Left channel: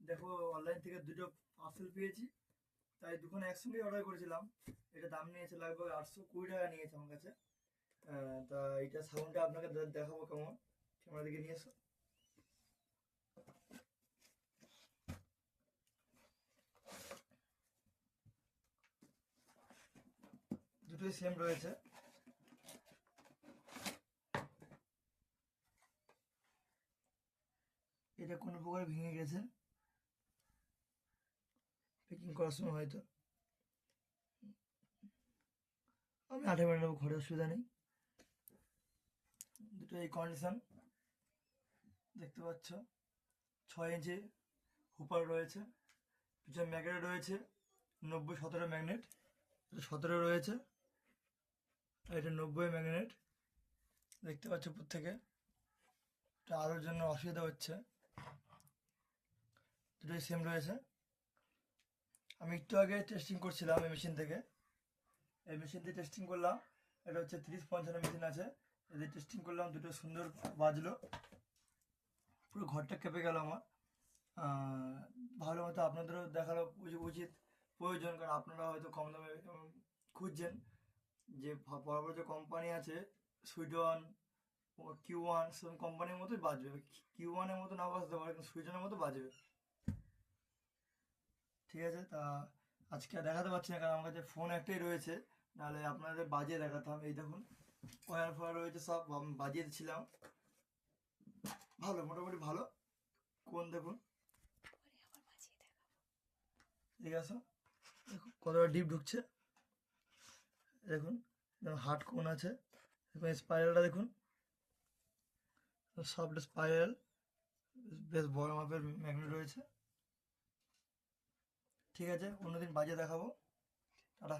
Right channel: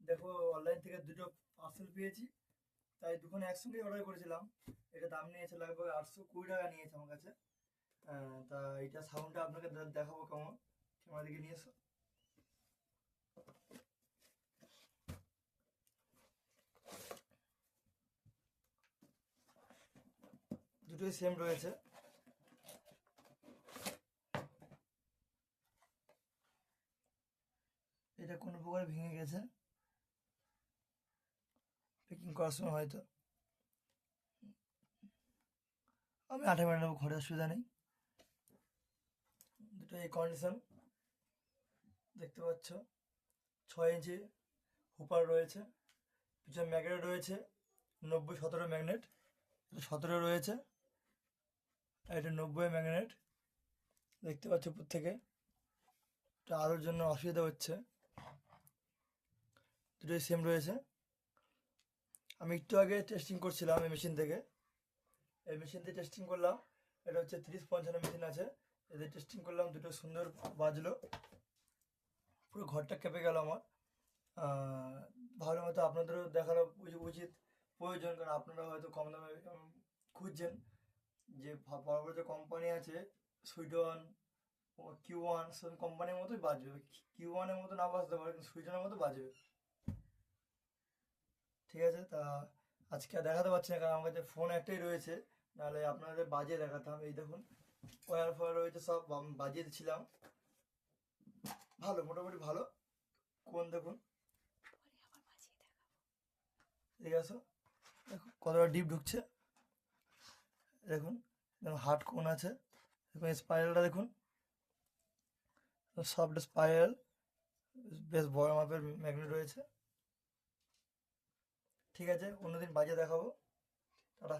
দেখো, অনলাইন থেকে দুটো পার্সেল পেয়েছি, তাই দুখানে একসঙ্গে অর্ডার করেছিলাম। এটা দাম নিয়েছে লাগবে 820 টাকা নিয়েছে আমার কাছে। তা এটা সাউন্ডটা আপনাকে দেখাবো কেমন। ক্যামেরা দিকে নিয়ে এসো। দুটোই সেম রয়েছে। এটা কোনো প্রকারে ভেঙে গেছে প্যাকিং করার সময় হয়তো। আমি 8 মিনিট নেবো, ঘরে অসুবিধা নেই। দুটো এই কন্ডিশন দেখতে পাচ্ছ। 6 ইঞ্চি হুপার রয়েছে, পিছনে ম্যাগনেট রয়েছে 90-17 ম্যাগনেট। এটা 17 রয়েছে, আর এটা 90 ম্যাগনেট। দেখতে পাচ্ছ উপর থেকে। এটা আলোর জন্য অসুবিধা হচ্ছে। দুটোই সেম রয়েছে। আমি একটু আগে টেস্টিং করছিলাম এই মেশিন থেকে। এই মেশিন দিয়ে টেস্টিং করলাম। এটা হচ্ছে 30-50 মেশিন আছে, এদের টেস্টিং করলাম, দুটো সুন্দর বাজলো। পুরো ঘরটা কেঁপে গেল আমার। ভালো মতো আপনাদেরও দেখানো উচিত, প্রয়োজন, কারণ আপনারা হয়তো কম দামে খুঁজছেন। যে বড় বড় যে কোম্পানি আছে, সুইডন, Q1, সেরকম কোম্পানির মতোই বাজবে। Q1-এর মতো না বাজতে পারে, কিন্তু সুইডনের মতো বাজবে। ঠিক আছে, তা আজকে আর দেখাতে পারছি না, কারণ আমার কাছে ফোন একটাই রয়েছে। নাহলে আপনাদের বাজিয়ে দেখাতাম। এই দেখুন, ওয়ার ফোয়ার রয়েছে, সব বাজিয়ে দিচ্ছিলাম। ভালো, মোটামুটি ভালো। কোন দেখুন, ঠিক আছে। দেখুন কতটা ডিপ ঢুকছে। দেখুন, হার্ড কোন আছে। দেখুন স্পাইরালটা দেখুন, সফট স্পাইরাল, বেশ বড় মাপের ম্যাগনেট রয়েছে। ঠিক আছে, অন্যদিন বাজিয়ে দেখাবো। টাটা।